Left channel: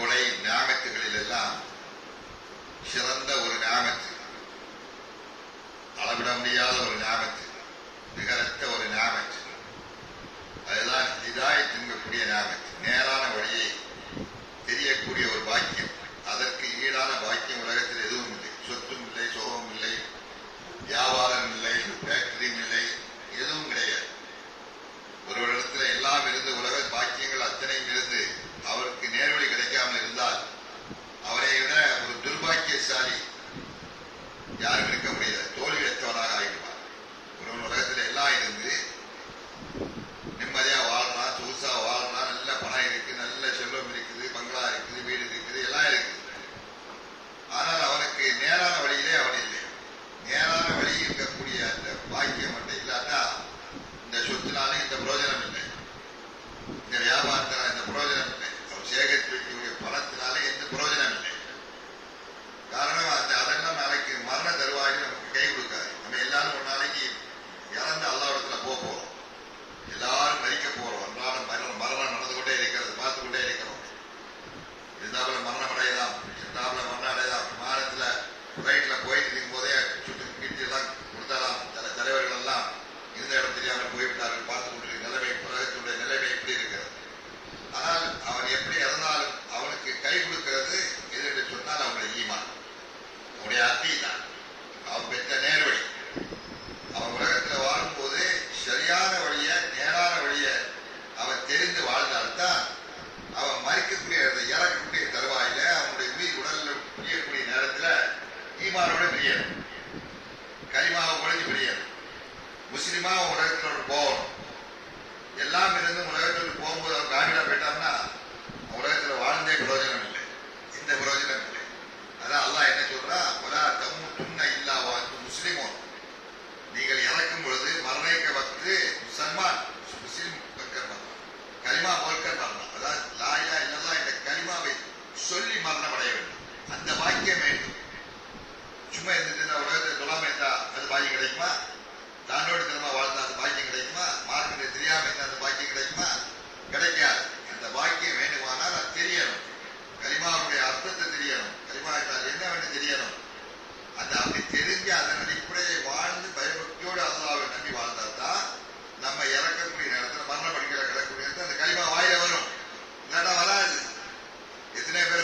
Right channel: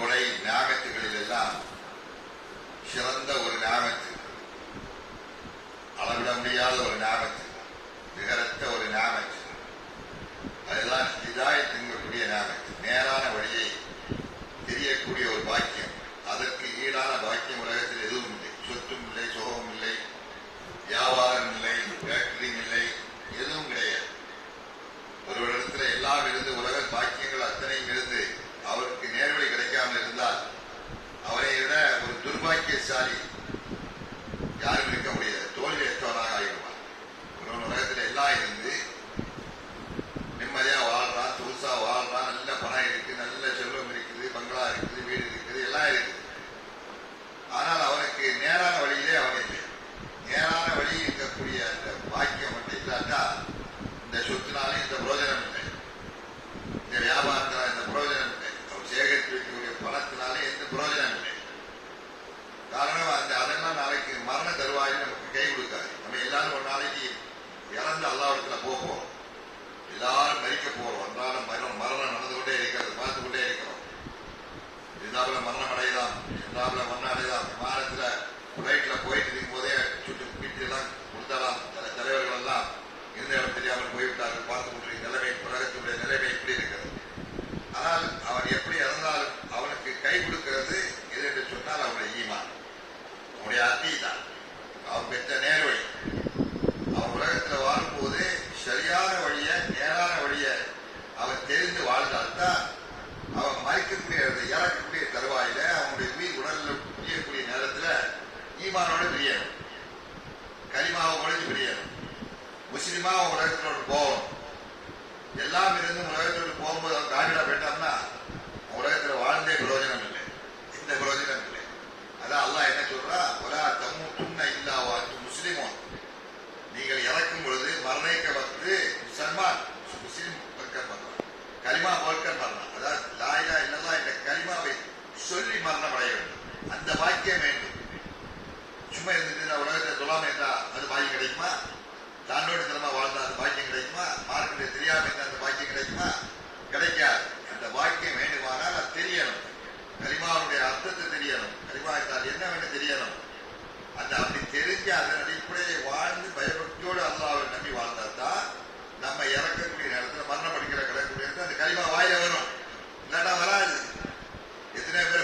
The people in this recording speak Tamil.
கொடை ஞாபகத்துகளில் எல்லாம் சிறந்த ஒரு ஞாபகத்து, அளவிட முடியாத ஒரு ஞாபகத்து, நிகரற்ற ஒரு ஞாபகத்து. அதுதான் ஹிதாயத் என்கக்கூடிய ஞாபகத்து, நேரான வழியை தெரியக்கூடிய ஒரு பாக்கியம். அதற்கு ஈடான பாக்கியம் உலகத்தில் எதுவும் இல்லை. சொத்தும் இல்லை, சுகமும் இல்லை, வியாபாரம் இல்லை, ஃபேக்டரியும் இல்லை, எதுவும் கிடையாது. ஒருவரிடத்துல எல்லாம் இருந்து உலக பாக்கியங்கள் அத்தனையும் இருந்து அவருக்கு நேர்வழி கிடைக்காமல் இருந்தால் அவரை விட ஒரு துர்பாக்கியசாலி யாரும் இருக்க முடியாது. தோல்வி அற்றவனாக ஆகிடுவார். ஒரு உலகத்தில் எல்லாம் இருந்து நிம்மதியா வாழ்றான், சொகுசா வாழ்றான், நல்ல பணம் இருக்கு, நல்ல செல்வம் இருக்குது, பங்களா இருக்குது, வீடு இருக்குது, எல்லாம் இருக்குது. ஆனால் அவனுக்கு நேரான வழியிலே அவன் இல்லை. நேரான வழி இருக்கக்கூடிய அந்த பாக்கியம் மட்டும் இல்லாட்டா இந்த சொத்துனால இந்த பிரயோஜனம் இல்லை, இந்த வியாபாரத்தினால இந்த பிரயோஜனம் இல்லை, அவர் சேகரித்து வைக்கக்கூடிய பணத்தினாலே எந்த பிரயோஜனம் இல்லை. காரணம் அதெல்லாம் நாளைக்கு மரண தருவாயில் நமக்கு கை கொடுக்காது. நம்ம எல்லாரும் ஒரு நாளைக்கு இறந்து அல்லாஹ்விடத்துல போகிறோம். எல்லாரும் மறிக்க போறோம். அன்றாடம் மரணம் நடந்து கொண்டே இருக்கிறது, பார்த்து கொண்டே இருக்கிறோம். இருந்தாப்புல மரணம் அடையலாம், இருந்தாப்புல மரணம் அடையலாம். விமானத்துல பிளைட்ல போயிட்டு இருக்கும் போதே சுட்டு வீட்டு எல்லாம் கொடுத்தாலாம். சில தலைவர்கள் எல்லாம் இருந்த இடம் தெரியாமல் போய்விட்டார்கள். பார்த்து கொண்டிருக்கிற நிலைமை, உலகத்துடைய நிலைமை எப்படி இருக்கிறது. ஆனால் அவன் எப்படி இறந்தாலும் அவனுக்கு கை கொடுக்கிறது எது என்று சொன்னால் அவனுடைய ஈமான், அவனுடைய அத்தீதான், அவன் பெற்ற நேர்வழி. அவன் உலகத்தில் வாழும்போது சரியான வழிய, நேரான வழிய அவன் தெரிந்து வாழ்ந்தால்தான் அவன் மறிக்கக்கூடிய இறக்கக்கூடிய தருவாயில அவனுடைய உயிர் உடலில் பிரியக்கூடிய நேரத்தில் ஈமானோட பிரியணும், கலிமாவை ஒழிஞ்சு பிரியணும், முஸ்லிமா உலகத்தில் போகணும். எல்லாம் இருந்து உலகத்துக்கு போகும்போது அவன் காடிடா போயிட்டான்னா உலகத்தில் வாழ்ந்தே பிரயோஜனம் இல்லை, எந்த பிரயோஜனம் இல்லை. அதான் அல்லாஹ் என்ன சொல்றா, ஒலா தமூதுன்ன இல்லா வஅன்தும் முஸ்லிமூன். நீங்கள் இறக்கும் பொழுது மரணிக்க வந்து முசல்மான் முஸ்லிம் கலிமா போல்கர் மரணம், அதாவது லா இலாஹ இல்லல்லாஹ் என்ற கலிமாவை சொல்லி மரணம் அடைய வேண்டும். அந்த பாக்கியம் வேண்டும். சும்மா இருந்துட்டு உலகத்தை சொல்லாம இருந்தா அது பாக்கியம் கிடைக்குமா? தாண்டோடு தினமா வாழ்ந்தா அந்த பாக்கியம் கிடைக்குமா? மார்க்கெட்டை தெரியாம இருந்தா அந்த பாக்கியம் கிடைக்குமா? கிடைக்காது. அந்த பாக்கியம் வேண்டுமானால் அது தெரியணும், கலிமாவுடைய அர்த்தத்தை தெரியணும், கலிமா என்றால் என்னவென்று தெரியணும். அந்த அப்படி தெரிஞ்சு அதன் அடிப்படையை வாழ்ந்து பயபக்தியோடு அல்லாஹ்வை நம்பி வாழ்ந்தால்தான் நம்ம இறக்கக்கூடிய நேரத்தில் மரண படிக்கிற கிடக்கூடிய அந்த கலிமா வாயில வரும். இல்லாட்டா வராது. எத்தனை பேர்